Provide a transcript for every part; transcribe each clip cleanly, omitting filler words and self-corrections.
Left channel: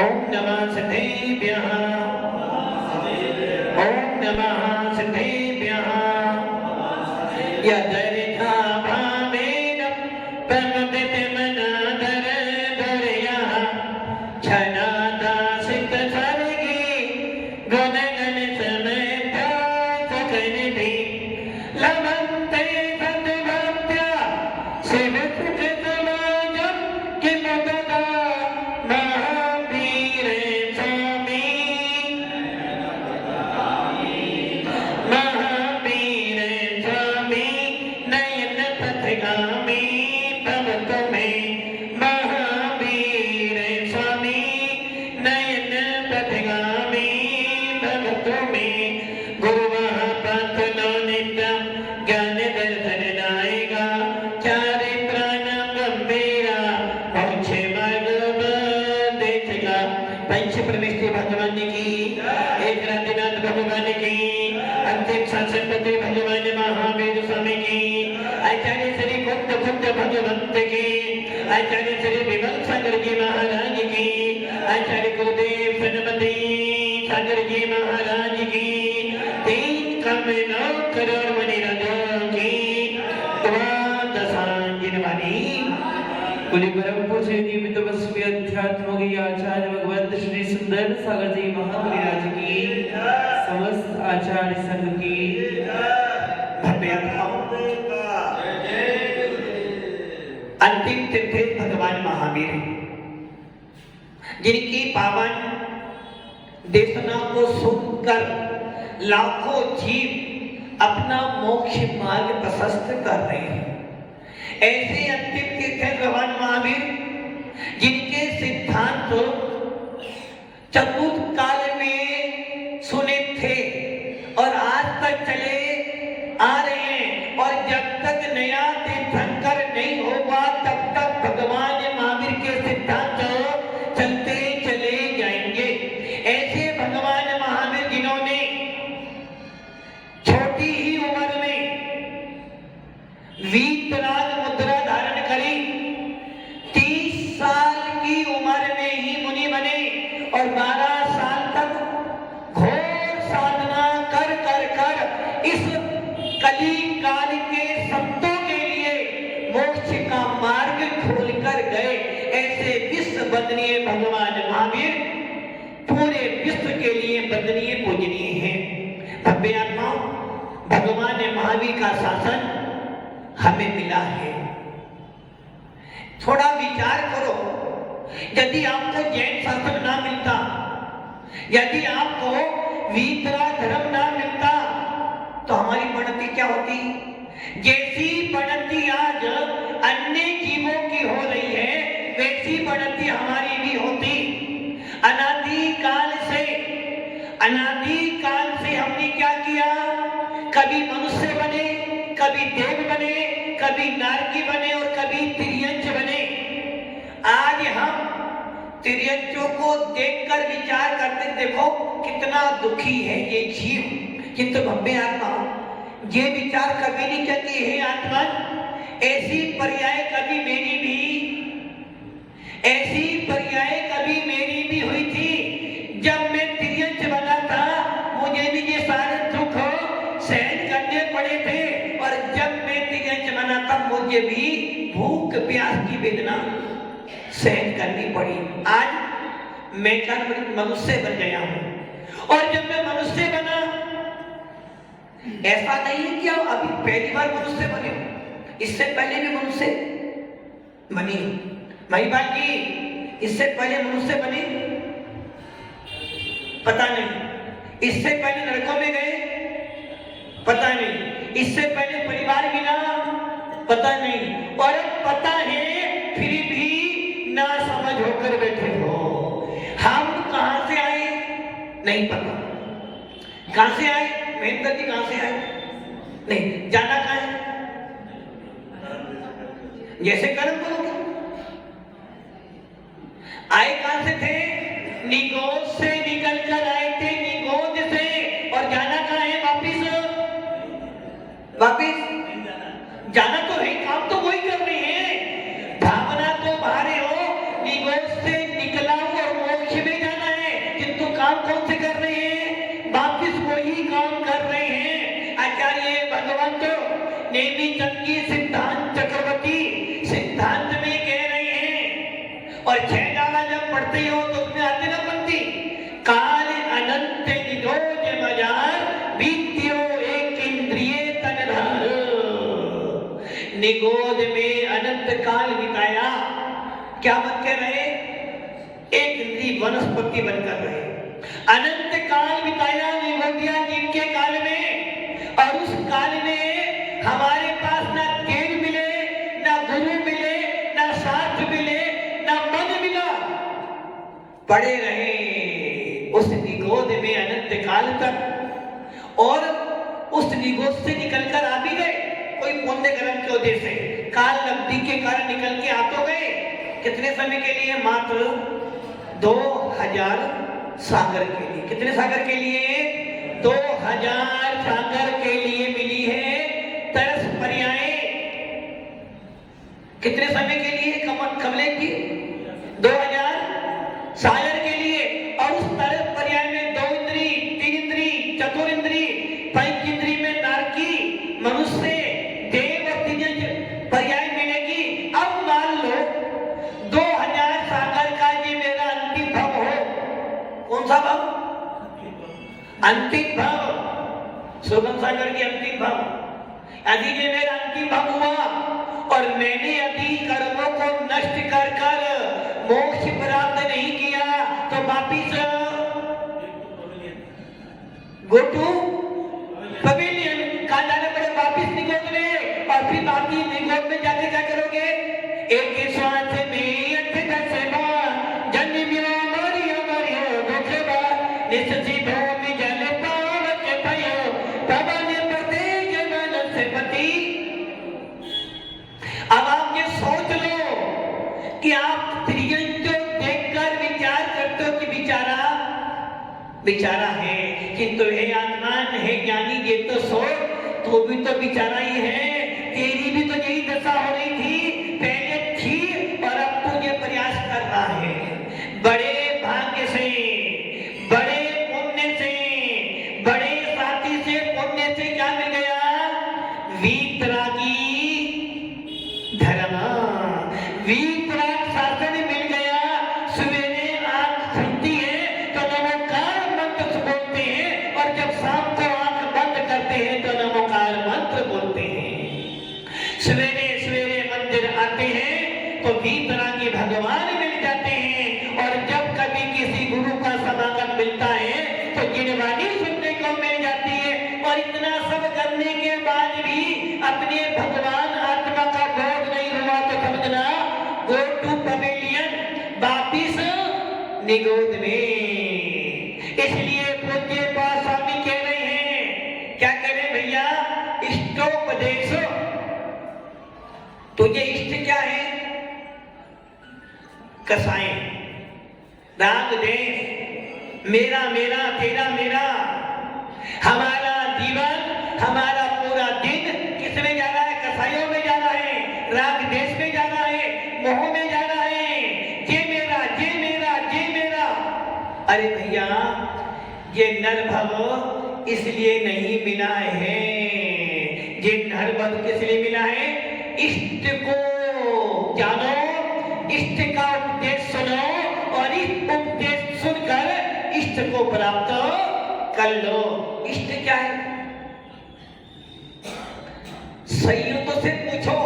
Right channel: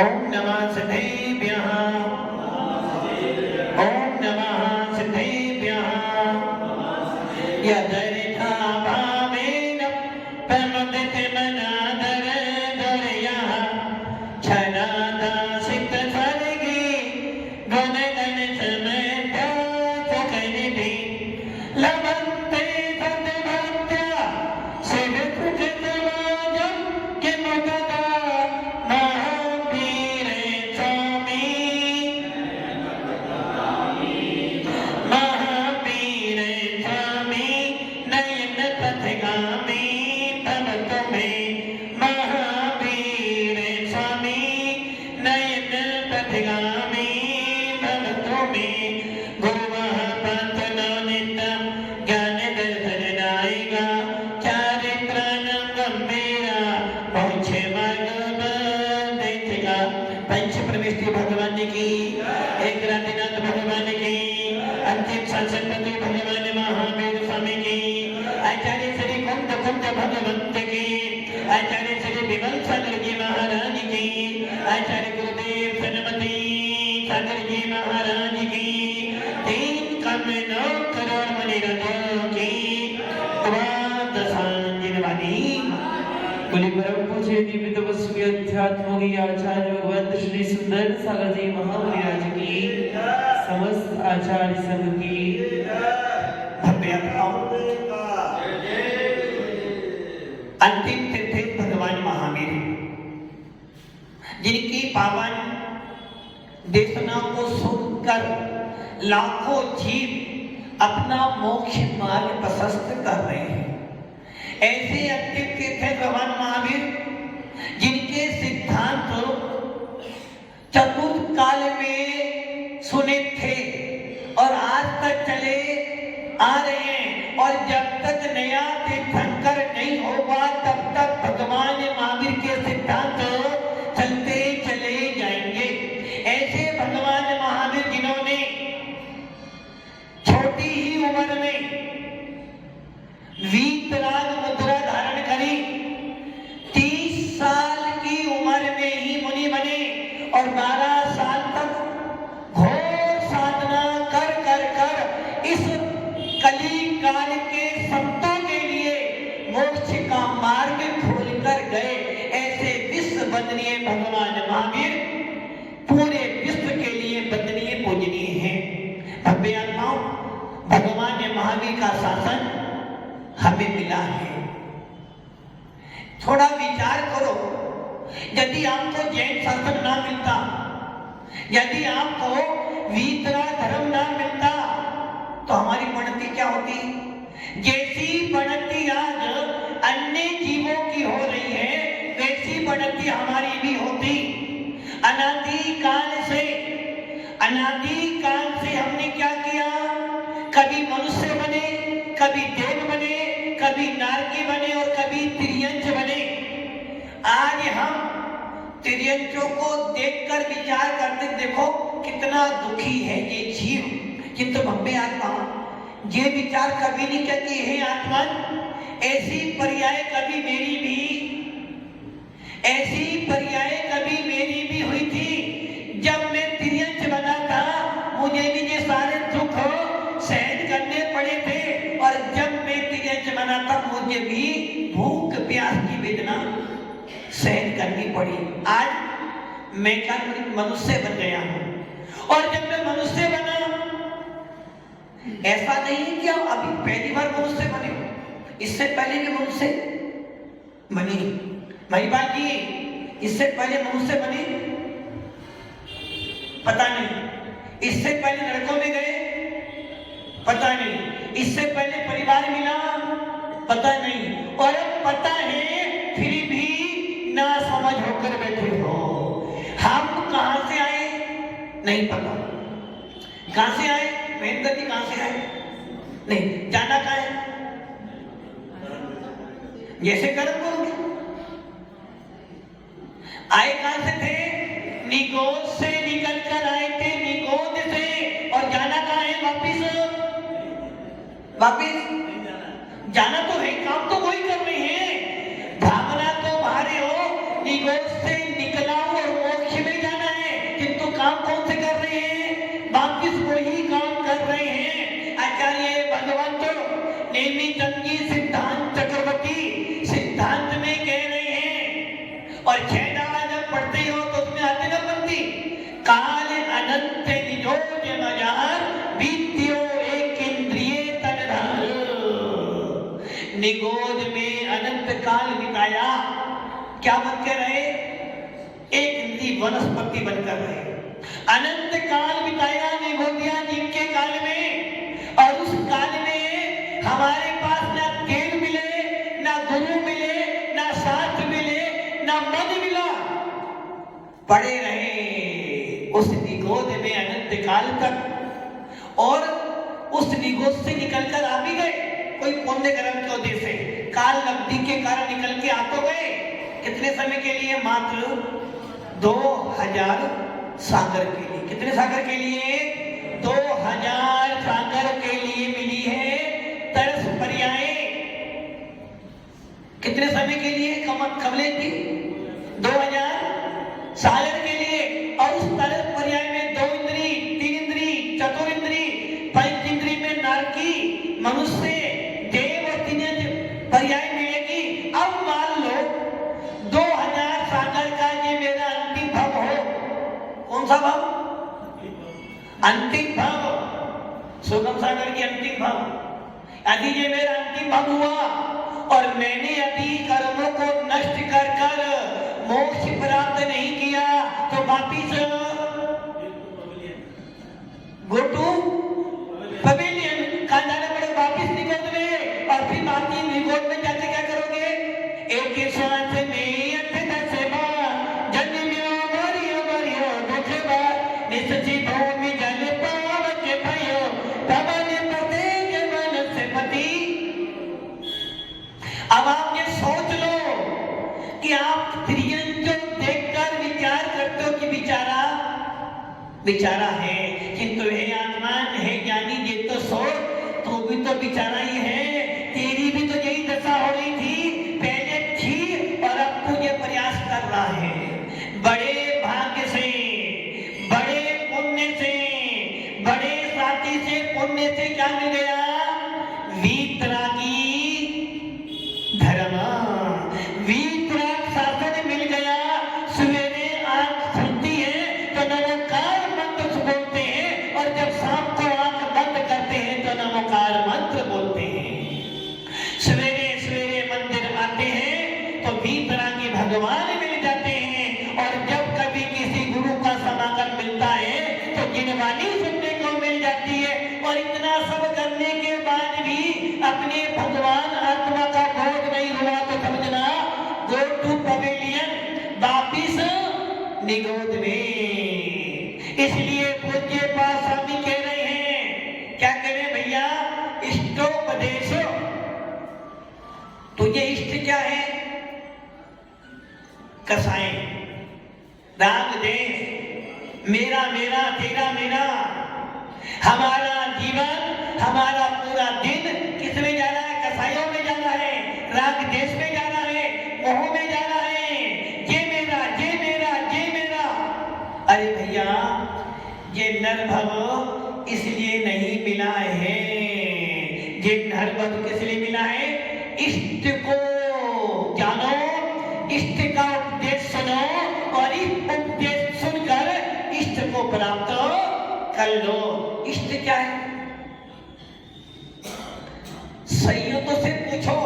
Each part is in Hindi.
ओम नमः सिद्धेभ्यः ओम नमः सिद्धेभ्यः यदरिथा भावेन प्रमुदितमनादर धरयः छनादा सिद्ध सर्गे गुणगण समेत सुखनिधि लभन्ते सद्भक्त्या सिद्धकृतवादं किमपदा महावीर स्वामी नयन पथगामी भगत में महावीर स्वामी नयन पथगामी भगत में गुरुवः पथलो नित्यं ज्ञान दर्शन दायिका चारित्राणां गंभीरा पहुँचे मगोपदेशिका पंच परमेश्वरी भगवान जी की एक राधिनाथ भगवान की अंतिम संसपति भगवान महावीर स्वामी की आचार्य श्री कुंद भगवंत की आचार्य श्री विमल सागर जी महाराज की आचार्य गुरुदेव सनमती सागर जी महाराज की 3 करोड़ मणिरथों की द्वादशांजनवाणी कुली परम पूज्य निमित्त तपस्वी अध्यात्म की आचार्य भगवंत श्री सुंदर सागर जी महामुनिराज की समस्त आचार्य संघ की भव्य अंतिम तीर्थ भगवान महावीर जिनकी पावन देशना को सुनकर लाखों जीव अपना मोक्ष मार्ग प्रशस्त कर रहे हैं। ऐसे अंतिम तीर्थ भगवान महावीर जिनके सिद्धांत चतुर्थ काल में सुने थे और आज तक चले आ रहे हैं और जब तक नया तीर्थंकर नहीं होगा तब तक भगवान महावीर के सिद्धांत चलते चले जाएंगे। ऐसे भगवान महावीर जिन्होंने छोटी ही उम्र में वीतराग मुद्रा धारण करी, 30 साल की उम्र में ही मुनि बने और 12 साल तक घोर साधना कर इस कली काल के संतों के लिए मोक्ष का मार्ग खोल कर गए। ऐसे विश्व वंदनीय भगवान महावीर पूरे विश्व के लिए वंदनीय पूजनीय हैं। भव्य आत्माओं, भगवान महावीर का शासन हमें मिला है। थोड़ा विचार करो, यदि आपको जैन शासन ना मिलता, यदि आपको वीतरा धर्म ना मिलता तो हमारी बढ़ती क्या होती? जैसी बढ़ती आज अन्य जीवों की हो रही है वैसी बढ़ती हमारी भी होती। अनादिकाल से हमने क्या किया? कभी मनुष्य बने, कभी देव बने, कभी नारकी बने और कभी तिर्यंच बने। आज हम तिर्यंचों को देखकर विचार करते, देखो कितना दुखी है ये जीव, किंतु भव्य आत्मा ये विचार कभी नहीं कहती है आत्मा ऐसी पर्याय कभी मेरी भी हुई थी। जब मैं तिर्यंच बना था मुझे भी ये सारे दुख सहन करने पड़े थे और जब मैं तिर्यंच बना था मुझे भी भूख प्यास की वेदना सहन करनी पड़ी। आज मैं क्या मनुष्य बन गया हूं और जब मैं मनुष्य बना, ऐसा नहीं है कि हम अभी पहली बार मनुष्य बने, इससे पहले भी मनुष्य बने। महिबा की इससे पहले मनुष्य बने? पता नहीं। इससे पहले नरकों में गए? पता नहीं। इससे पहले परिवार मिला? पता नहीं। और पता है फिर भी ना समझ होकर बैठे हो। हम कहां से आए नहीं पता। कहां से आए? महेंद्र जी कहां से आए? नहीं। जाना कहां है? जैसे कर्म करोगे। आए कहां से थे? निगोद से निकल कर आए थे, निगोद से। और जाना कहां है? वापिस जाना तो है, काम तो वही कर रहे हैं। भावना तो भारे हो, निगोद से निकला और मोक्ष में नेमीचंद जी सिद्धांत चक्रवर्ती सिद्धांत में कह रहे हैं। और 6 डाला जब पढ़ते हो तो उसमें आते ना पंक्ति, काल अनंत निजोज मजार विद्यो एक इंद्रिय तन धन। निगोद में अनंत काल बिताया, क्या बन के रहे? एक इंद्रिय वनस्पति बनकर रहे। अनंत काल बिताया निगोदिया जीव के काल में, और उस काल में हमारे पास ना तेल मिले, ना गुरु मिले, ना साथ मिले, ना मन मिला, पड़े रहे उस निगोद में अनंत काल तक। और उस निगोद से निकलकर आ भी गए, कोई पुण्य कर्म के वजह से काल नब्दी के कारण निकल के आ तो गए। कितने समय के लिए? मात्र 2000 सागर के लिए। कितने सागर के लिए? 2000 सागर के लिए मिली है तरस पर्याय। कितने समय के लिए? कमले की 2000 सागर के लिए। और उस तरस पर्याय में 2 इंद्री, 3 इंद्री, चतुर इंद्री, 5 इंद्री में नारकी, मनुष्य, देव और 3 पर्याय मिलेगी। अब मान लो 2000 सागर का ये मेरा अंतिम भाव हो। कौन सा भाव? अंतिम भाव, सुगम सागर की अंतिम भाव। यदि ये मेरा अंतिम भाव हुआ और मैंने यदि कर्मों को नष्ट कर कर मोक्ष प्राप्त नहीं किया तो वापिस गो टू पवेलियन। कहां जाने पड़े? वापिस निगोद में। और फिर बाकी निगोद में जाके क्या करोगे? एक ही श्वास में अत्यंत सेवा जन्म्यो मरियो मरियो दुखवा निश्चि भूमि जल पावक भयो तबन प्रत्येक मन से पति। अब आप ये सोच लो कि आप प्रियन को देखकर विचार करते हो कि बेचारा है, किंतु हे आत्मान, हे ज्ञानी, ये तो सोच, तो भी तो बेचारा ही है। तेरी भी तो यही दशा हो रही थी, पहले थी और अब तू ये प्रयास कर रहा है। बड़े भाग्य से, बड़े पुण्य से, बड़े साथी से, पुण्य से क्या मिल गया? वीतरागी धर्म, वीतराग शासन मिल गया। सवेरे आंख खुलती है तो नमोकार मंत्र बोलते हैं, और जब शाम को आंख बंद करते हैं तो नमोकार मंत्र बोलते हैं। सवेरे सवेरे मंदिर आते हैं तो वीतरागी भगवान मिल जाते हैं, और जब कभी किसी गुरु का समागम मिलता है तो गिनवानी सुनने को मिल जाती है। और इतना सब करने के बाद भी अपने भगवान आत्मा का बोध नहीं हुआ तो समझना गो टू पवेलियन, वापिस निगोद में। इसलिए पूज्य पास स्वामी कह रहे हैं, क्या कह रहे भैया? इष्टोपदेशो। तो ये इष्ट क्या है? कसाई, राग देश, मेरा मेरा, तेरा मेरा। हमारा जीवन, हमारा पूरा दिन किस में जा रहा है? कसाइयों में जा रहा है, राग देश में जा रहा है, मोह में जा रहा है। ये मेरा, ये मेरा, ये मेरा। अरे भैया, ये नरभव इसलिए नहीं मिला है। ये नरभव किस लिए मिला है? इष्ट को जानो, इष्ट का उपदेश सुनो, और इस उपदेश सुनकर इष्ट को प्राप्त कर लो। इष्ट क्या है? संयतों से पूछो,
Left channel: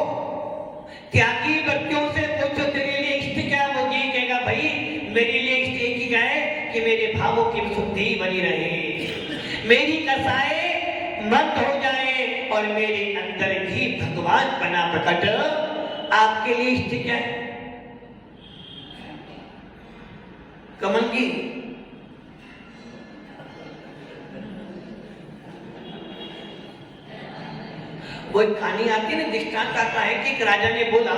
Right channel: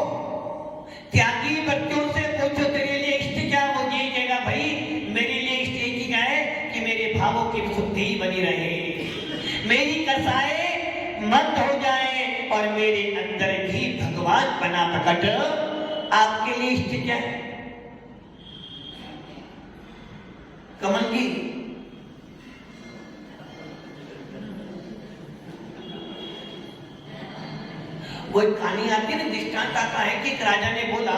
त्यागी व्यक्तियों से पूछो, तेरे लिए इष्ट क्या? वो ये कहेगा, भाई मेरे लिए इष्ट एक ही क्या है कि मेरे भावों की शुद्धि बनी रहे, मेरी कसाए मंद हो जाए, और मेरे अंदर भी भगवान बना प्रकट। आपके लिए इष्ट क्या है? कमल जी, वो एक कहानी आती है ना, दृष्टांत आता है कि एक राजा ने बोला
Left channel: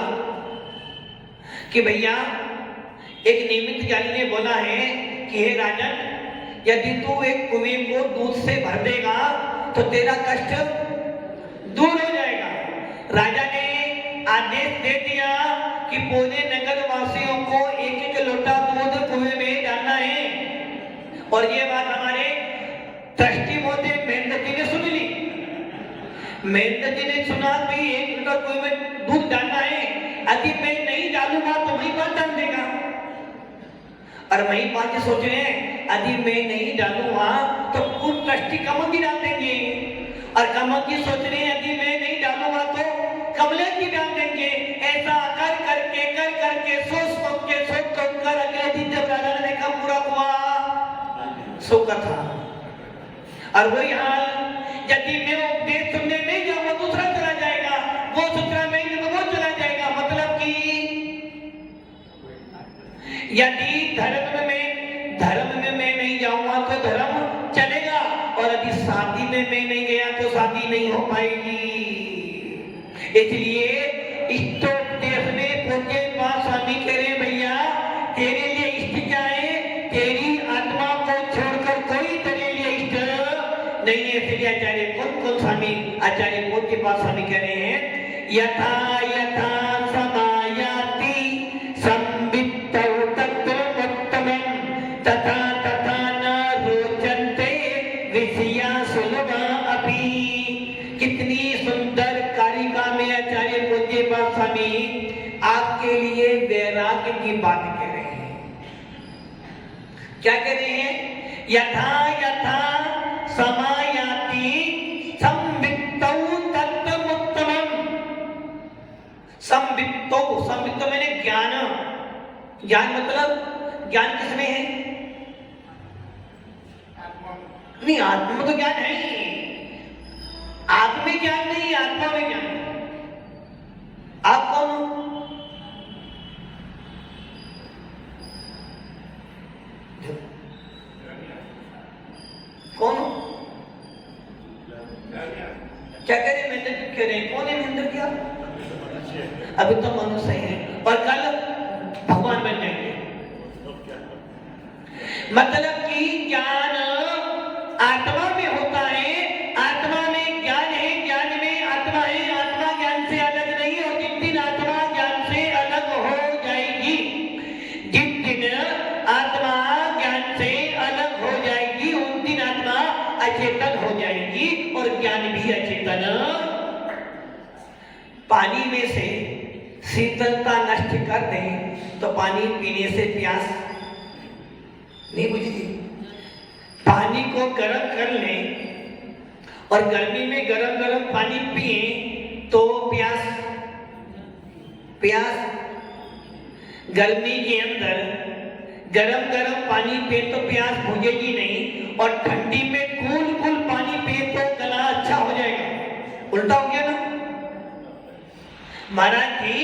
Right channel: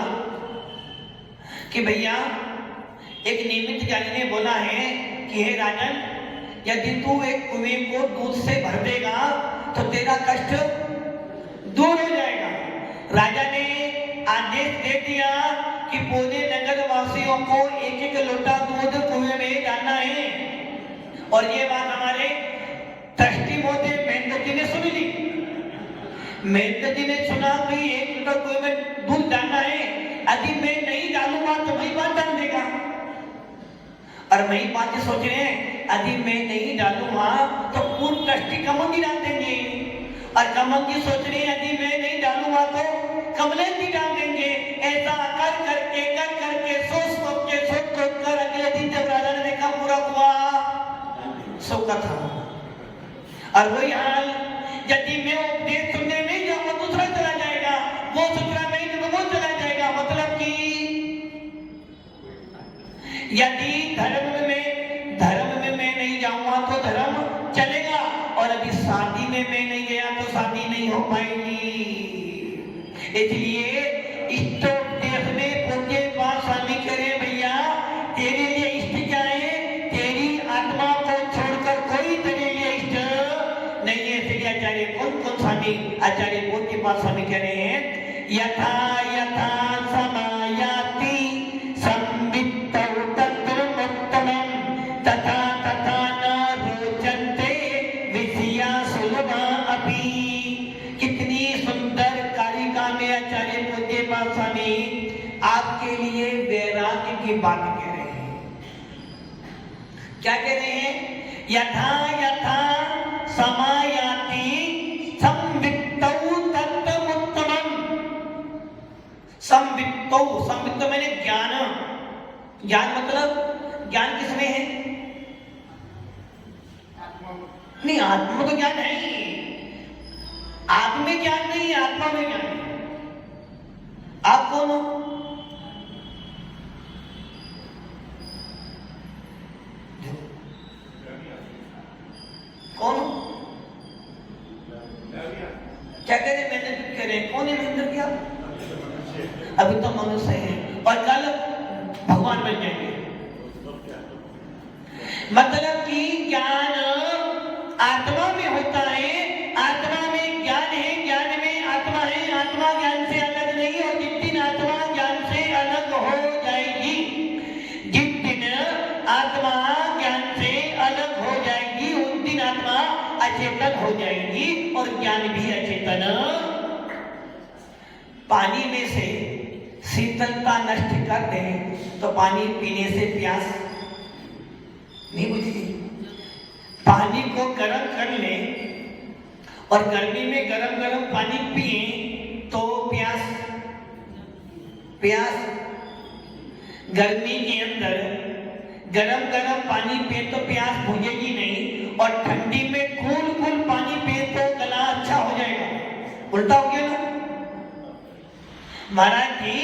कि भैया, एक निमित्त ज्ञानी ने बोला है कि हे राजन, यदि तू एक कुएं को दूध से भर देगा तो तेरा कष्ट दूर हो जाएगा। राजा ने आदेश दे दिया कि पूरे नगर वासियों को एक एक लोटा दूध कुएं में डालना है। और ये बात हमारे ट्रस्टी महोदय महेंद्र जी ने सुन ली। महेंद्र जी ने सुना भाई 1 लीटर कोई में दूध डालना है, यदि मैं नहीं डालूंगा तो वही बात डाल देगा। और वही बात सोच रहे हैं यदि मैं नहीं डालूंगा तो पूर्ण ट्रस्टी कमल जी डाल देंगे, और कमल जी सोच रहे हैं यदि मैं नहीं डालूंगा तो कमलेश जी डाल देंगे। ऐसा कर करके सोच कर अगले दिन जब राजा ने कहा पूरा हुआ सो का था। और वो यहाँ यदि मैं उपदेश सुनने नहीं जाऊंगा दूसरा चला जाएगा, वो दूसरा नहीं तो वो चला जाएगा। मतलब कि यदि धर्म में मैं नहीं जाऊंगा तो धर्म चलेगा, और यदि शादी में मैं नहीं गया तो शादी नहीं हो पाएगी। इसलिए इष्टोपदेश में पूज्य पास स्वामी कह रहे भैया तेरे लिए इष्ट क्या है, तेरी आत्मा को छोड़कर कोई तेरे लिए इष्ट नहीं है। इसलिए आचार्य कौन स्वामी, आचार्य पूज्य पास स्वामी कह रहे हैं यथा यथा समायाति संवित्तौ तत्रमुत्तमं तथा तथा न रोचन्ते विषया सुलभा अपि। कितनी सुंदर कारिका में आचार्य पूज्य पास स्वामी आपके लिए वैराग्य की बात कह रहे हैं। क्या कह रहे हैं? यथा यथा समायाति संवित्तौ तत्तमुत्तमम्। संवित्तौ मैंने ज्ञान मतलब ज्ञान किसमें है? नहीं, आत्मा तो ज्ञान है ही, आप में ज्ञान नहीं, आत्मा में ज्ञान है। आप कौन हो? कौन हो? क्या कह रहे महेंद्र? कह रहे कौन है महेंद्र? क्या अभी तो मनुष्य है और कल भगवान बन जाएंगे। मतलब कि ज्ञान आत्मा में होता है, आत्मा में ज्ञान है, ज्ञान में आत्मा है, आत्मा ज्ञान से अलग नहीं। और जिस दिन आत्मा ज्ञान से अलग हो जाएगी, जिस दिन आत्मा ज्ञान से अलग हो जाएगी उस दिन आत्मा अचेतन हो जाएगी और ज्ञान भी अचेतन। पानी में से शीतलता नष्ट कर दें तो पानी पीने से प्यास नहीं बुझेगी। पानी को गर्म कर लें और गर्मी में गरम पानी पिए तो प्यास गर्मी के अंदर गरम पानी पिए तो प्यास बुझेगी नहीं, और ठंडी में कूल पानी पिए तो गला अच्छा हो जाएगा। उल्टा हो गया ना महाराज जी।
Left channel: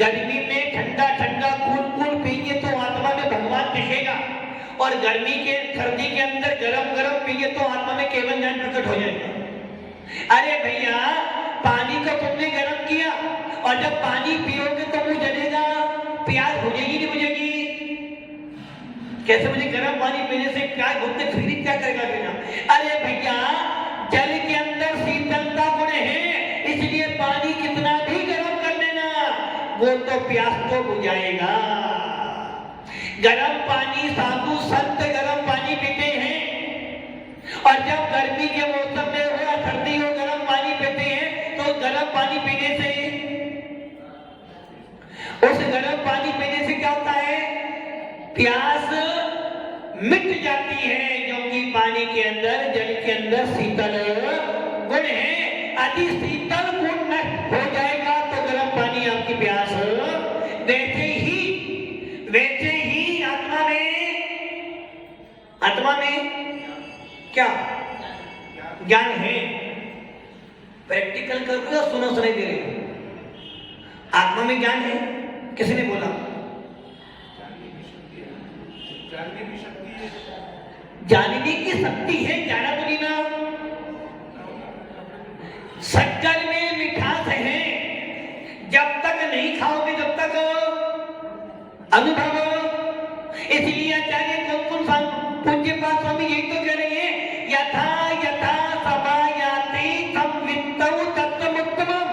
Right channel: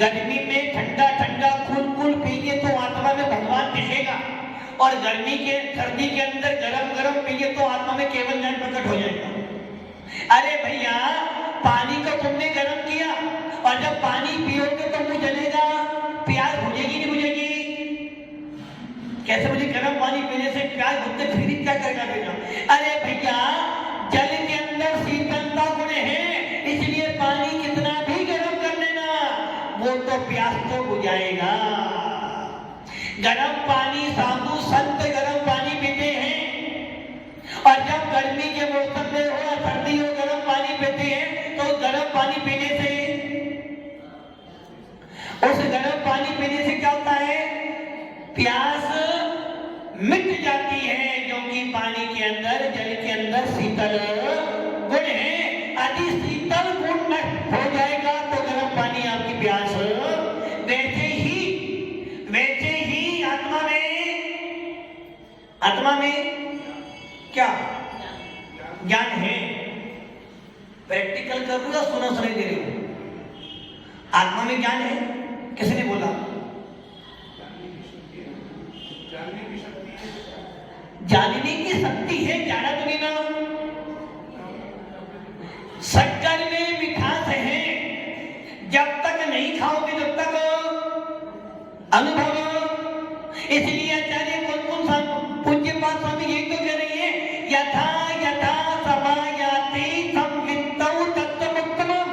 गर्मी में ठंडा कूल पिए तो आत्मा में भगवान दिखेगा, और गर्मी के सर्दी के अंदर गरम पिए तो आत्मा में केवल ज्ञान प्रकट हो जाएगा। अरे भैया पानी को तुमने गर्म किया और जब पानी पियोगे तो मुझे जलेगा, प्यास बुझेगी नहीं बुझेगी? कैसे मुझे गर्म पानी पीने से प्यास बुझते फिर क्या करेगा बेटा? अरे भैया जल के अंदर शीतलता गुण है, इसलिए पानी कितना भी गर्म कर लेना वो तो प्यास तो बुझाएगा। गर्म पानी साधु संत गर्म पानी पीते हैं, और जब गर्मी के मौसम में हो या सर्दी हो गर्म पानी पीते हैं तो गर्म पानी पीने से क्या होता है? प्यास मिट जाती है, क्योंकि पानी के अंदर जल के अंदर शीतल गुण है। यदि शीतल गुण हो जाएगा तो गर्म पानी आपकी प्यास वैसे ही आत्मा में क्या ज्ञान है? प्रैक्टिकल कर रहे हो, सुना सुनाई दे रहे हो? आत्मा में ज्ञान है, किसी ने बोला? जानने की शक्ति है, जाना तो नहीं ना। शक्कर में मिठास है, जब तक नहीं खाओगे जब तक अनुभव। इसलिए आचार्य कौन पूज्य पास स्वामी यही तो कह रही है यथा यथा समायाति संवित्तौ तत्तमुत्तमम्।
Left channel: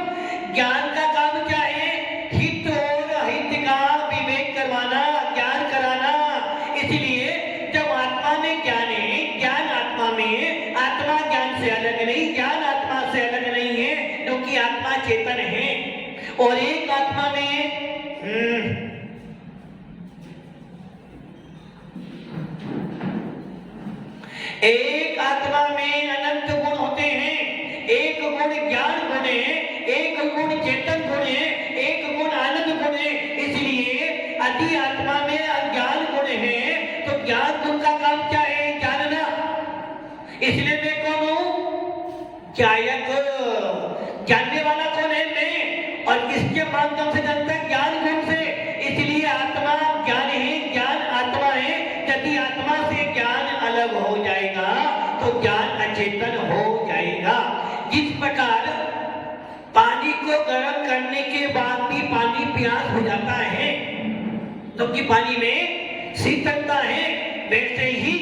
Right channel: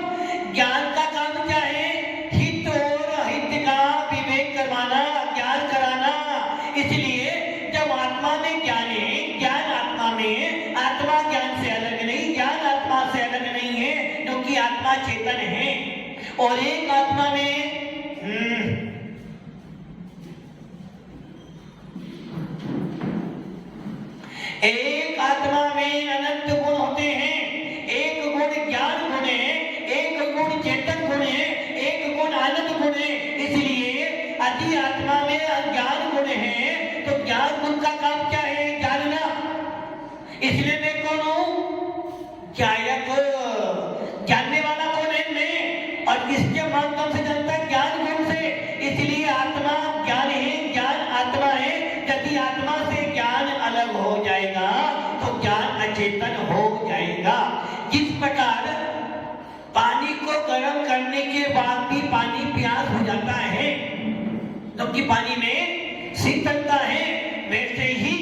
ज्ञान का काम क्या है? हित और अहित का विवेक करवाना, ज्ञान कराना। इसलिए जब आत्मा में ज्ञान है, ज्ञान आत्मा में, आत्मा ज्ञान से अलग नहीं, ज्ञान आत्मा से अलग नहीं है, चेतन है, और एक आत्मा में एक आत्मा में अनंत गुण होते हैं। एक गुण ज्ञान गुण है, एक गुण चेतन गुण है, एक गुण आनंद गुण है। इसलिए अति आत्मा में अज्ञान गुण है, तो ज्ञान गुण का काम क्या है? जानना। इसलिए मैं कौन हूं? जायक, जानने वाला कौन है? मैं। और इसके माध्यम से जनता ज्ञान गुण से। इसलिए आत्मा ज्ञान है, ज्ञान आत्मा है। यदि आत्मा से ज्ञान अलग हो जाएगा तो ज्ञान अचेतन हो जाएगा। जिस प्रकार पानी को गर्म करने के बाद भी पानी प्यास हो जाता है, क्योंकि पानी में शीतलता है, वैसे ही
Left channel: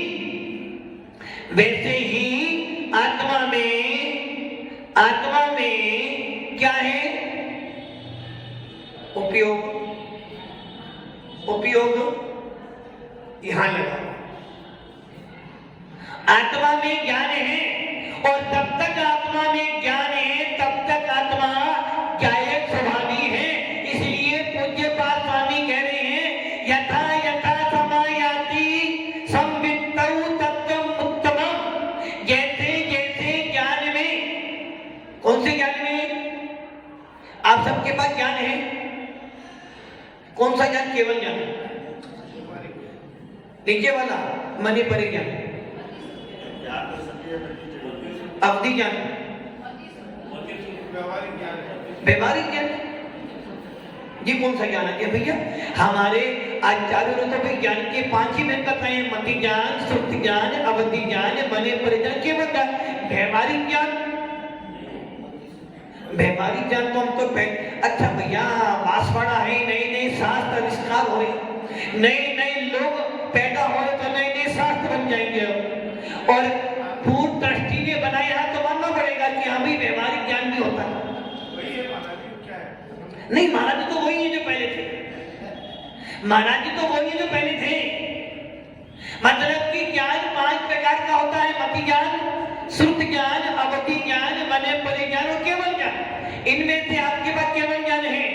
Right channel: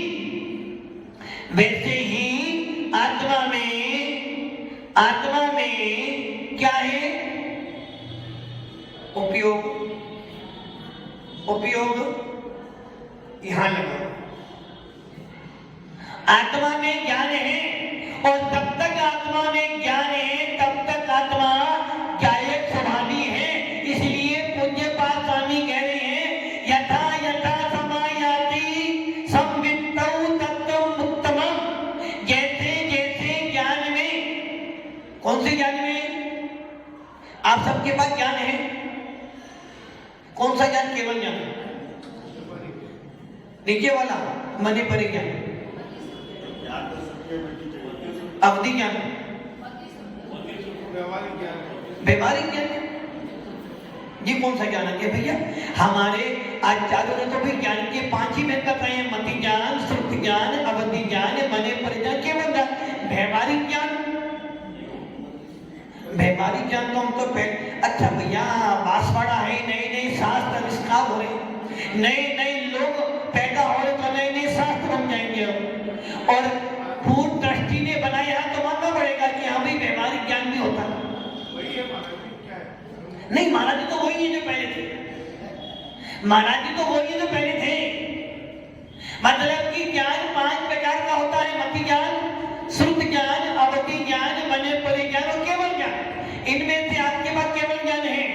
आत्मा में क्या है? उपयोग यहां लगा। आत्मा में ज्ञान है, और जब तक आत्मा में ज्ञान है तब तक आत्मा जायक स्वभावी है। इसलिए पूज्य पाद स्वामी कह रहे हैं, यथा यथा समायाति संवित्तौ तत्त्वम् उत्तमम्। जैसे जैसे ज्ञान में, कौन से ज्ञान में? आप सबके पास ज्ञान है। कौन सा ज्ञान? केवल ज्ञान, नीचे वाला मने परे ज्ञान, अवधि ज्ञान, व्यवहारिक ज्ञान। ये कौन सा ज्ञान है भैया? हमारे आचार्यों ने तो भाई ज्ञान के 5 ही भेद बताए हैं: मति ज्ञान, श्रुति ज्ञान, अवधि ज्ञान, मने परे ज्ञान, केवल ज्ञान। व्यवहारिक ज्ञान, व्यवहारिक ज्ञान तो हम तो अच्छा भैया बांसवाड़ा है, नए नए शास्त्र आविष्कार हो रहे, नए नए लोग पैदा हो रहे, तो नए नए शास्त्र बन जाएंगे। और पूर्ण दृष्टि ने बनाया तो मानना पड़ेगा कि हाँ भाई व्यवहारिक ज्ञान भी होता है। नहीं, महाराज जी तो वही है जो पहले थे। महाराज जी तो वही है जो पहले थे। मतलब कि ज्ञान 5 प्रकार का होता है: मति ज्ञान, श्रुति ज्ञान, अवधि ज्ञान, मने परे ज्ञान और केवल ज्ञान। इनमें से आपके पास केवल ज्ञान है।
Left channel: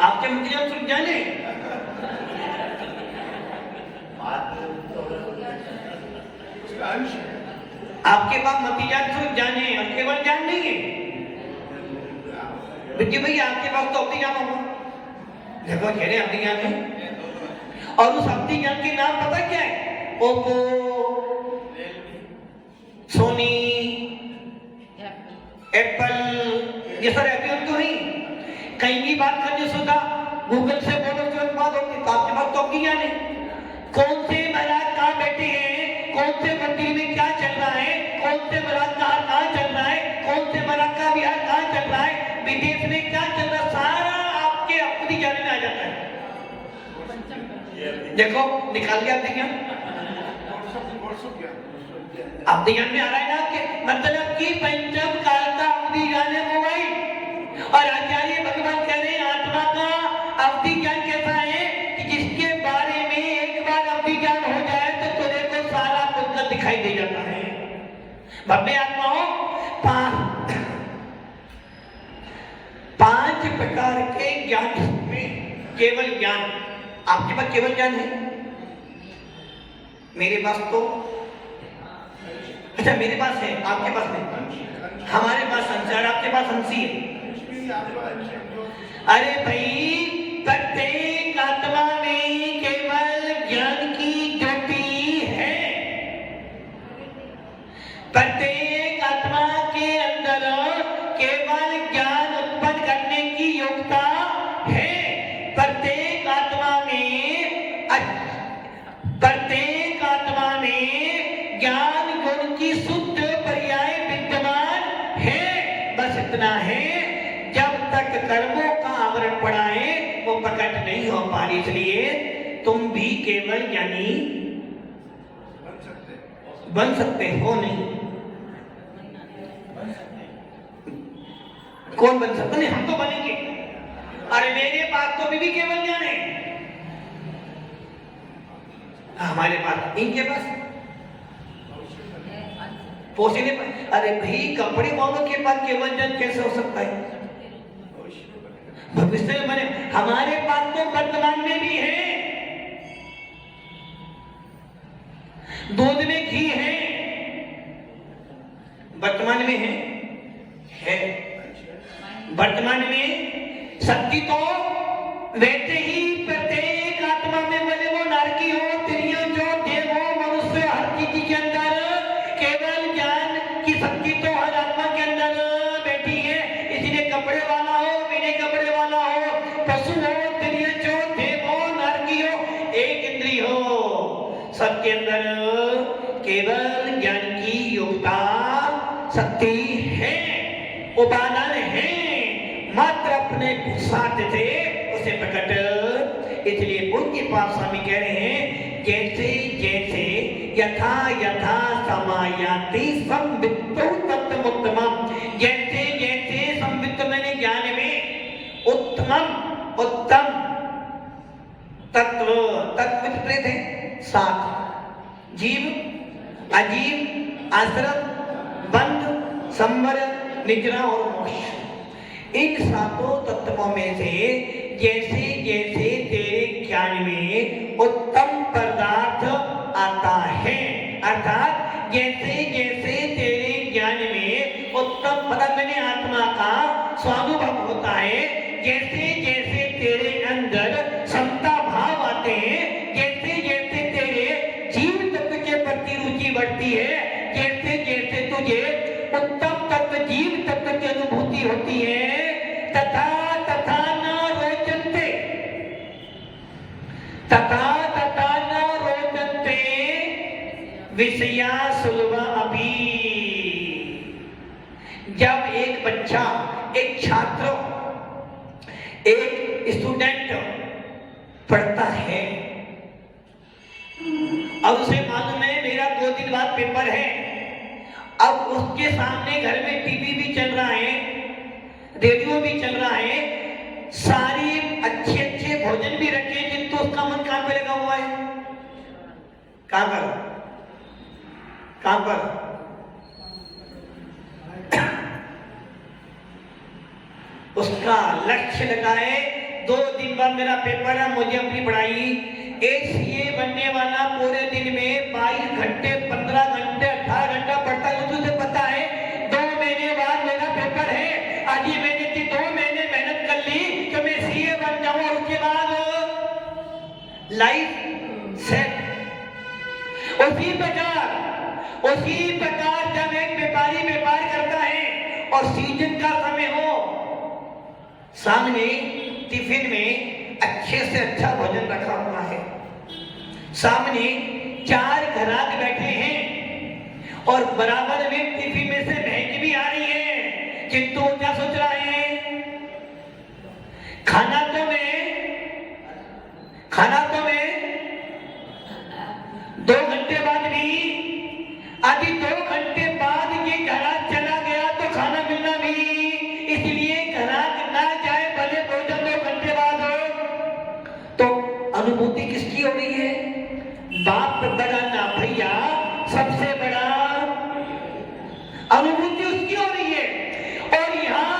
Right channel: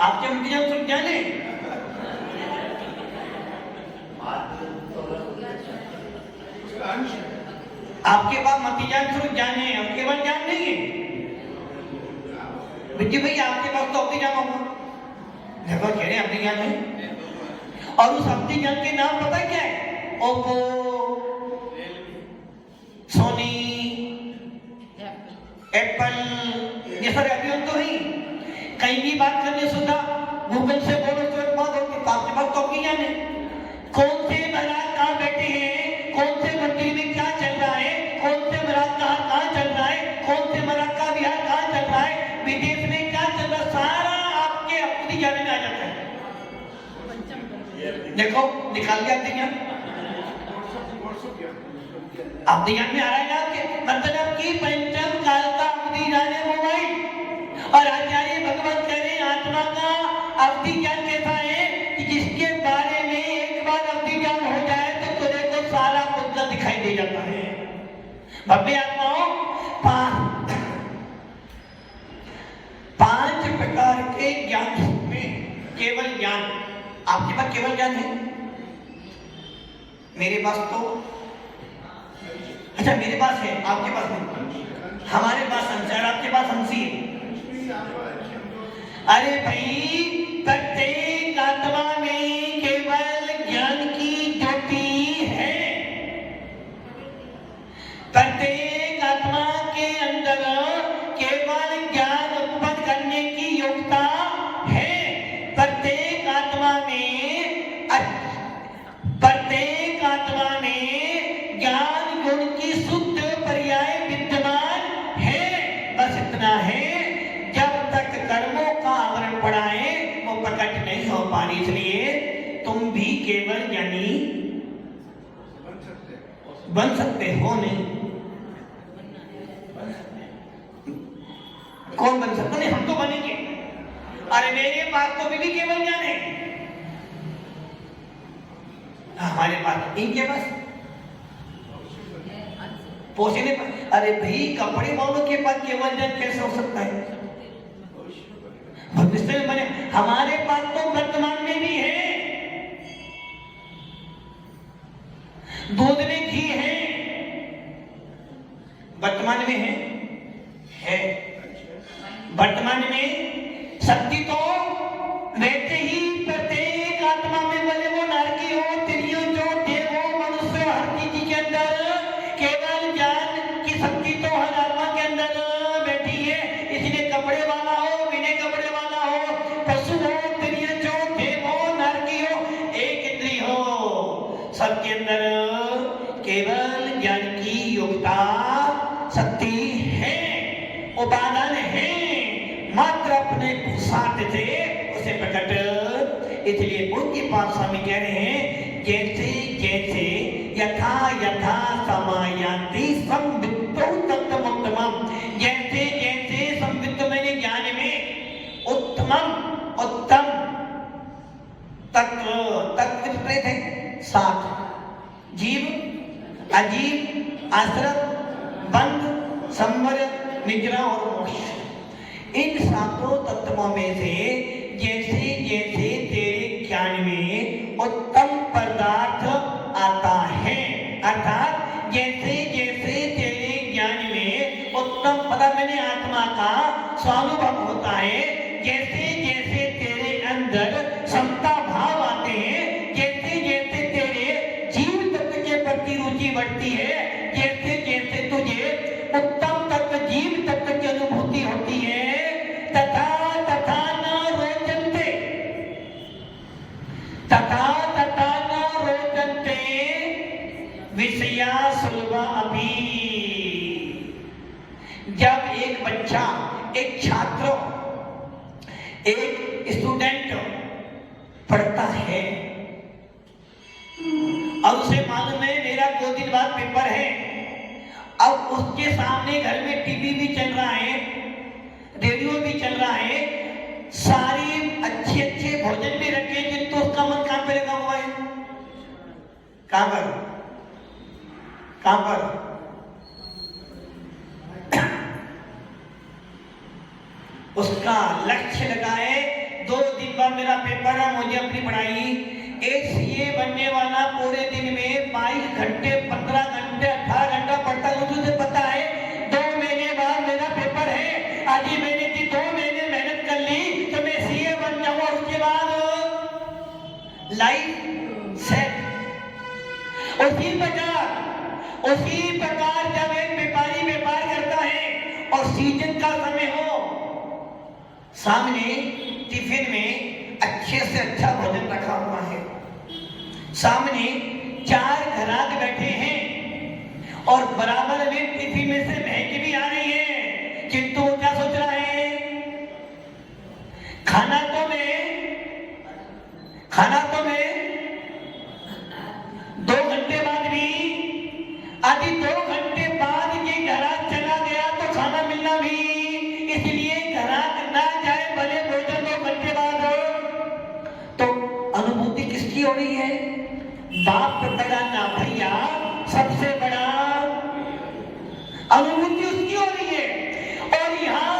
आपके मति ज्ञान, श्रुति ज्ञान है। आपके पास मति ज्ञान, श्रुति ज्ञान है और केवल ज्ञान नहीं है। विजय भैया आपके पास तो अवधि ज्ञान होगा। देखो कह रहे अवधि ज्ञान है, और उस अवधि ज्ञान के नाम पता क्या है? ओप्पो, सोनी, एप्पल, ये सारे अभी तो नहीं। कहीं भी बात करने सुधा गूगल से बोलो तो बात होती, तो आपके पास तो अवधि ज्ञान है। कौन से महाराज कहाँ बैठे हैं, कौन से मंदिर में क्या चल रहा है, कौन से महाराज कहाँ चल रहा है, कौन से महाराज का विहार कहाँ चल रहा है, विदेश में क्या चल रहा है, सारा आपके अपनी ज्ञान में आ जाता है। देखो निकाल दिया अवधि ज्ञान, अवधि ज्ञान में आ रहा है ना आपके। मतलब कि पंचम काल का अवधि ज्ञान है मोबाइल। और आचार्य भगवान कह रहे हैं आत्मा का अवधि ज्ञान कैसा है कि जिसके बारे में एक बार अवधि ज्ञान हो जाए तो तुझे को सारा पुस्तक दिखाई दे जाता है। भव्य आत्माओं, 5 प्रकार के ज्ञान में केवल ज्ञान। आपके पास केवल ज्ञान है, मेरे पास तो अच्छा मेरे पास है, आपके पास नहीं। हमारे पास हंस है, आपके पास हंसी है। अरे भाई, प्रत्येक आत्मा में केवल ज्ञान की ज्योति है। प्रत्येक आत्मा के अंदर केवल ज्ञान उत्पन्न करने की योग्यता है। प्रत्येक आत्मा में ज्ञान गुण की शुद्ध पर्याय विद्यमान है। बस इतना है, जब तक कर्मों का आवरण पड़ा है वो प्रकट नहीं हो पा रही। इसलिए तुम भी केवल ज्ञानी बन सकते हो नहीं। कौन बन सकता? नहीं, हम तो बनेंगे। अरे मेरे पास तो भी केवल ज्ञान है, हमारे पास, इनके पास पोषने पर, अरे भाई कपड़े वालों के पास केवल जन कैसे हो सकता है? भविष्य में बने, हमारे पास तो वर्तमान में भी है, दूध में घी है, वर्तमान में है वर्तमान में शक्ति तो वैसे ही प्रत्येक आत्मा में, बोले वो नारकी हो, त्रियो जो देव हो, मनुष्य, हर चीज के अंदर केवल ज्ञान की शक्ति तो हर आत्मा के अंदर बैठी है। इसलिए कपड़े वाला हो, बिना कपड़े वाला हो, पशु हो, त्रियो जो देव हो, नारकी हो, एक इंद्री हो, सबके अंदर केवल ज्ञान की योग्यता शक्ति है, उपादान है, मात्र अपने पुरुषार्थ से उसे प्रकट। इसलिए उनके पास स्वामी कह रहे हैं, जैसे जैसे यथा यथा समायाति संवित्तो तत्त्वमुत्तमम्, जैसे जैसे संवित्त मैंने ज्ञान में उत्तमम उत्तम तत्व, तत्व कितने थे? 7, जीव, अजीव, आश्रम, बंध, संवर, निद्रा और मोक्ष। इन 7 तत्वों में से जैसे जैसे तेरे ज्ञान में उत्तम पदार्थ आता है, अर्थात जैसे जैसे तेरे ज्ञान में उत्तम पदार्थ मैंने आत्मा का स्वानुभव होता है, जैसे जैसे तेरे अंदर समता भाव आते हैं, जैसे जैसे तेरे जीव तत्व के प्रति रुचि बढ़ती है, जैसे जैसे तुझे उत्तम तत्व जीव तत्व की अनुभूति होती है, तथा तथा न रोचन्ते, तथा तथा न रोचन्ते विषया सुलभा अपि। जब एक बच्चा, एक छात्र, एक स्टूडेंट पढ़ता है और उसे मालूम है मेरा 2 दिन बाद पेपर है, अब उसके सामने घर में टीवी भी चल रहा है, रेडियो भी चल रहा है, सारी अच्छे अच्छे भोजन भी रखे, किंतु उसका मन कहां पे लगा हुआ है? कहां पर? कहां पर? उसका लक्ष्य लगा है 2 दिन बाद मेरा पेपर है, मुझे अपनी पढ़ाई, एसीए बनने वाला पूरे दिन में 22 घंटे, 15 घंटे, 18 घंटा पढ़ता है, उसे पता है 2 महीने बाद मेरा पेपर है, आज ही मैंने 2 महीने मेहनत कर ली तो मैं सीए बन जाऊंगा, उसके बाद लाइफ सेट। उसी प्रकार जब एक व्यापारी व्यापार करता है और सीजन का समय हो, सामने टिफिन में अच्छे से अच्छा भोजन रखा हुआ है, सामने 4 ग्राहक बैठे हैं और बराबर में टिफिन में से महक भी आ रही है, किंतु वो क्या सोच रहा है? खाना तो मैं 2 घंटे बाद भी, आदि 2 घंटे बाद ये ग्राहक चला गया तो खाना मिलना भी, इसलिए ग्राहक ना जाए भले भोजन 2 घंटे बाद हो। तो अनुभूति किसकी हो रही है? बाप बड़ा ना भैया, सबसे बड़ा अनुभूति उसकी हो रही है। और यहाँ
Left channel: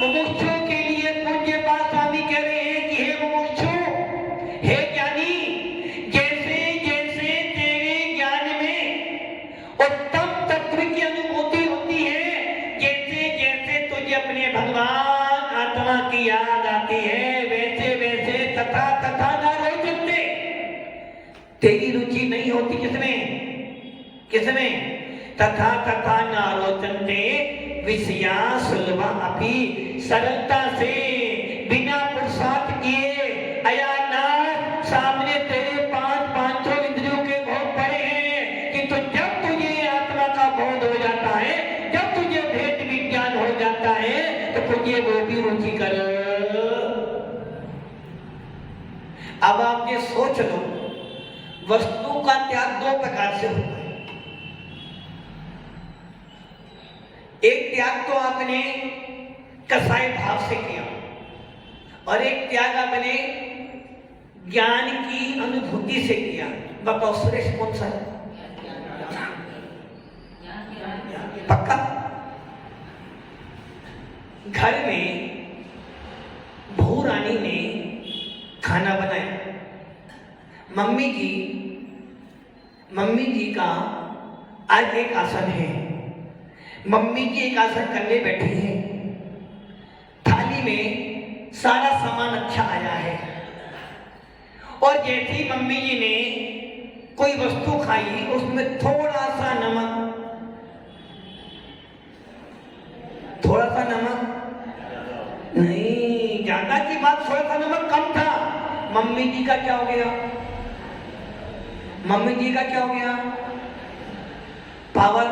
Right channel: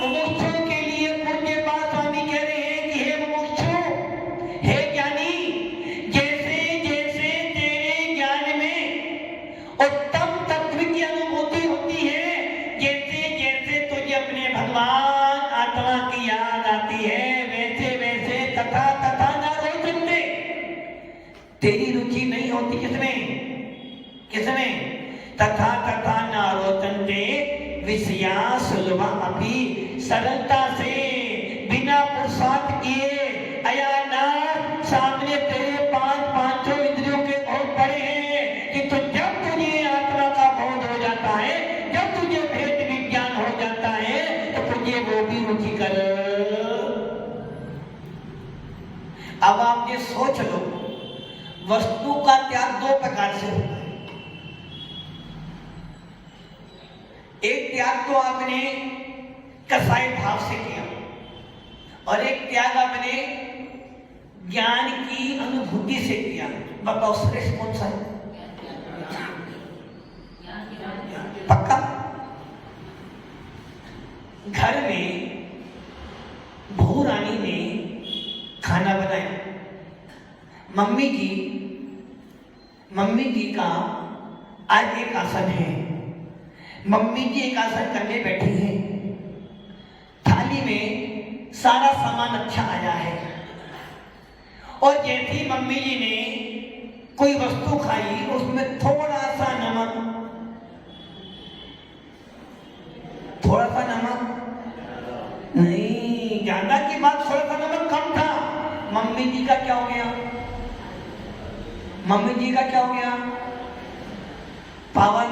मुमुक्षुओं के लिए पूज्य पाद स्वामी कह रहे हैं कि हे मुमुक्षु, हे ज्ञानी, जैसे जैसे तेरे ज्ञान में उत्तम तत्व की अनुभूति होती है, जैसे जैसे तुझे अपने भगवान आत्मा की याद आती है, वैसे वैसे तथा तथा न रोचन्ते, तेरी रुचि नहीं होती किसमें? तथा तथा न रोचन्ते विषया सुलभा अपि, सरलता से बिना पुरुषार्थ किए, अयानाथ सामने तेरे 500 इंद्रियों के बहुत बड़े हैं, कि तो जब तुझे आत्मा का बोध हो जाता है, जब तुझे भेद विज्ञान हो जाता है, तो तुझे वो भी रुचि कर। अब आप ये सोच लो, वस्तु का त्याग 2 प्रकार से होता है। एक त्याग तो आपने कसाई भाव से किया और एक त्याग आपने ज्ञान की अनुभूति से किया। बताओ श्रेष्ठ कौन सा है? मम्मी जी का आज एक आसन है। मम्मी जी एक आसन करने बैठी है। थाली में सारा सामान अच्छा आया है और जैसे ही मम्मी जी ने कोई वस्तु खाई उसमें थोड़ा सा नमक नहीं, ज्यादा की बात, थोड़ा सा नमक कम था। मम्मी जी का क्या हो गया? Power,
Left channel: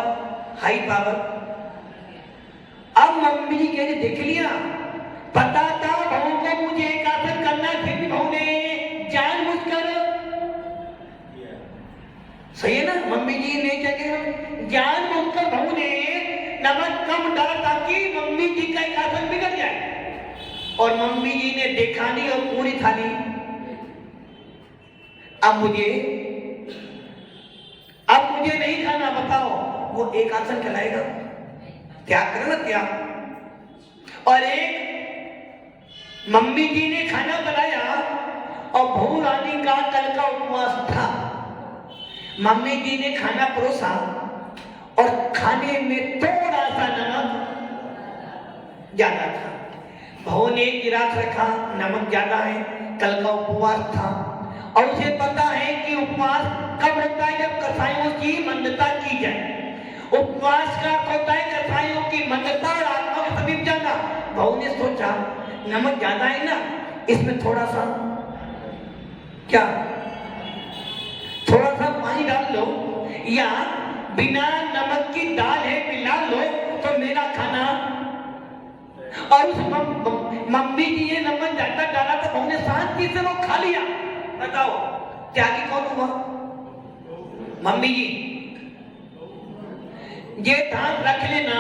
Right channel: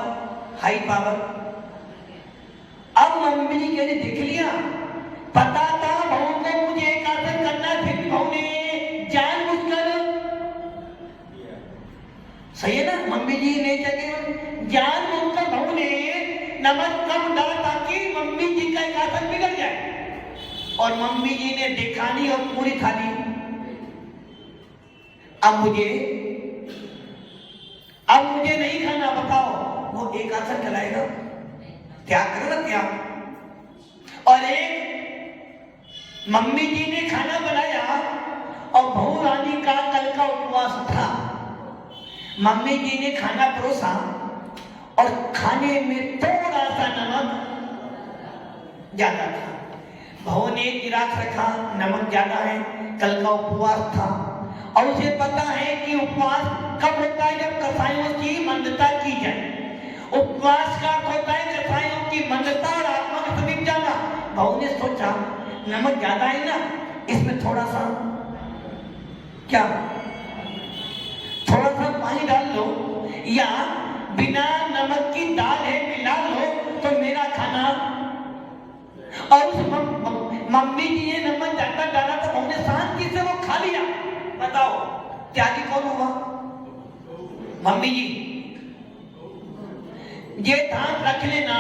high power. अब मम्मी जी कह रही देख लिया, पता था बहू को मुझे एक आसन करना, फिर भी बहू ने जानबूझकर, सही है ना, मम्मी जी ने जगह जानबूझकर बहू ने नमक कम डाला ताकि मम्मी जी का एक आसन बिगड़ जाए। और मम्मी जी ने देखा नहीं और पूरी थाली। अब मुझे नहीं खाना, बताओ वो एक आसन खिलाएगा? त्याग करना, त्याग। और एक मम्मी जी ने खाना बनाया और बहू रानी का कल का उपवास था। मम्मी जी ने खाना परोसा और खाने में थोड़ा सा नमक ज्यादा था। बहू ने एक गिलास रखा, नमक ज्यादा है, कल का उपवास था और उसे पता है कि उपवास कब होता है? जब कसाईयों की मंदता की जाए। उपवास का होता है कसाईयों की मंदता और आत्मा का समीप जाना। बहू ने सोचा नमक ज्यादा है ना, इसमें थोड़ा सा क्या, थोड़ा सा पानी डाल लो या बिना नमक की दाल है मिला लो तो मेरा खाना। और उस मम्मी जी ने नमक ज्यादा डाला तो बहू ने शांति से वो खा लिया। बताओ त्यागी कौन हुआ? मम्मी जी। ये ध्यान रख लेना,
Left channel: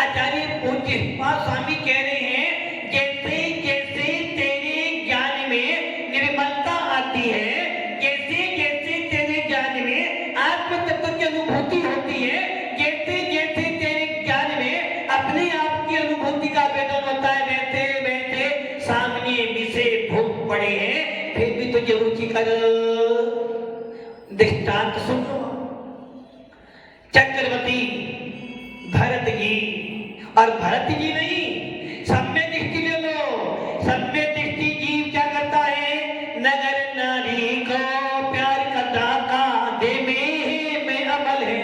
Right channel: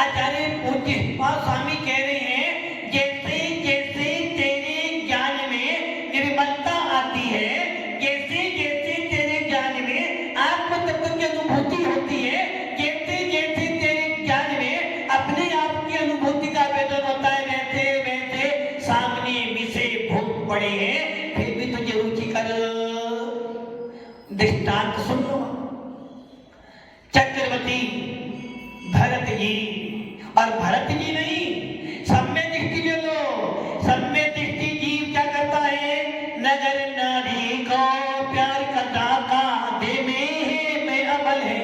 आचार्य पूज्य स्वामी कह रहे हैं, जैसे जैसे तेरे ज्ञान में निर्मलता आती है, जैसे जैसे तेरे ज्ञान में आत्म तत्व की अनुभूति होती है, जैसे जैसे तेरे ज्ञान में अपने आप की अनुभूति का वेदन होता है, वैसे वैसे सामने विषय भूख पड़े हैं, फिर भी तुझे रुचिकर दृष्टांत सुन लो। चक्रवर्ती भरत जी, और भरत जी नहीं, सम्य दृष्टि ले लो। सम्य दृष्टि जीव क्या करता है? नगर नारी को प्यार करता का दे में अमल है।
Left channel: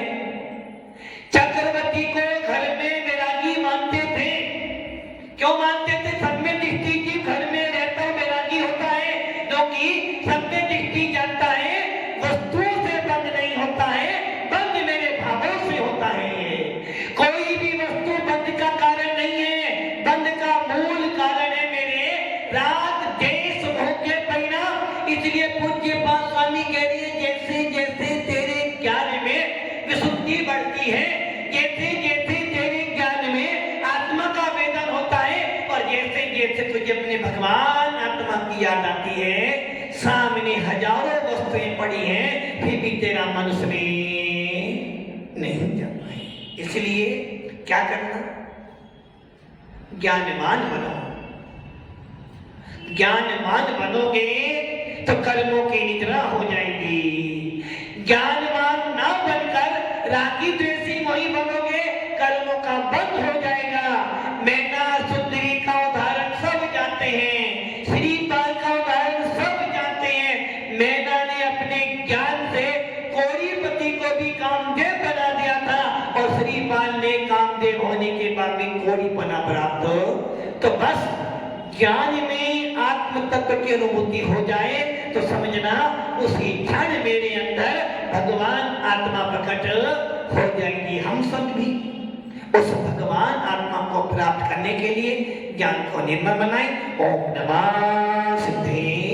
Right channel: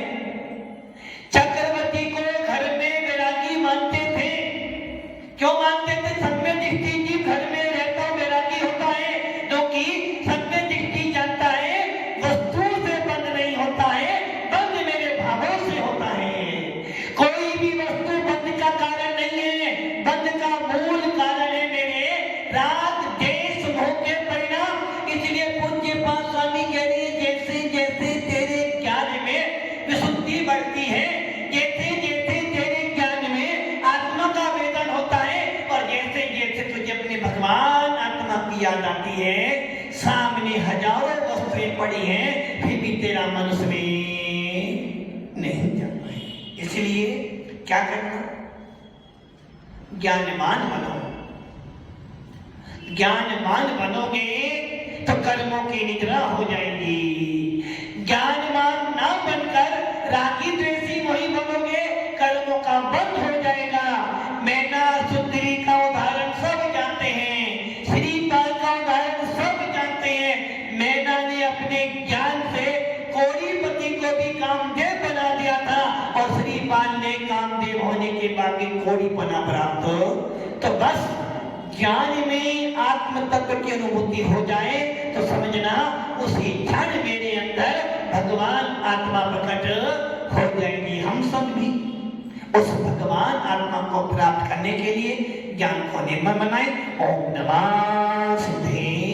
चक्रवर्ती को घर में वैरागी मानते थे। क्यों मानते थे? सम्य दृष्टि जीव घर में रहता वैरागी होता है, क्योंकि सम्य दृष्टि जानता है वस्तु से बंद नहीं होता है, बंद मेरे भावों से होता है। कोई भी वस्तु बंद का कारण नहीं है, बंद का मूल कारण है मेरे राग देश भोग के परिणाम। इसलिए पूज्य स्वामी कह रही है, जैसे जैसे तेरे ज्ञान में विशुद्धि बढ़ती है, जैसे जैसे तेरे ज्ञान में आत्मा का वेदन होता है, और जैसे जैसे तुझे अपने भगवान आत्मा की याद आती है, सामने हजारों वस्तुएं पड़ी हैं, फिर भी तेरा मन उसमें नहीं जाता है। इसलिए क्या करना? ज्ञानवान बनो। ज्ञानवान बनोगे तो कर्मों की निद्रा हो जाएगी। ज्ञानवान ना बनकर रागी द्वेषी वही बनोगे, कर्मों का बंद हो जाएगा। मैना सुंदरी का उदाहरण सब जानते हैं, श्रीपाल का उदाहरण सब जानते हैं। मैना ने अपने ज्ञान से कौड़ीपति को भी कामदेव बना दिया था, और श्रीपाल ने कामदेव होने के बाद भी कौड़ीपना प्राप्त। तो बस ज्ञान में आत्म तत्व की अनुभूति हो जाए तो समझना उसी क्षण मेरे अंदर भगवान आत्मा प्रकट हो जाएगी। हम सब भी उस भगवान आत्मा को प्राप्त करने के लिए ज्ञान को निर्मल बनाए। ओम नमः सिद्धे।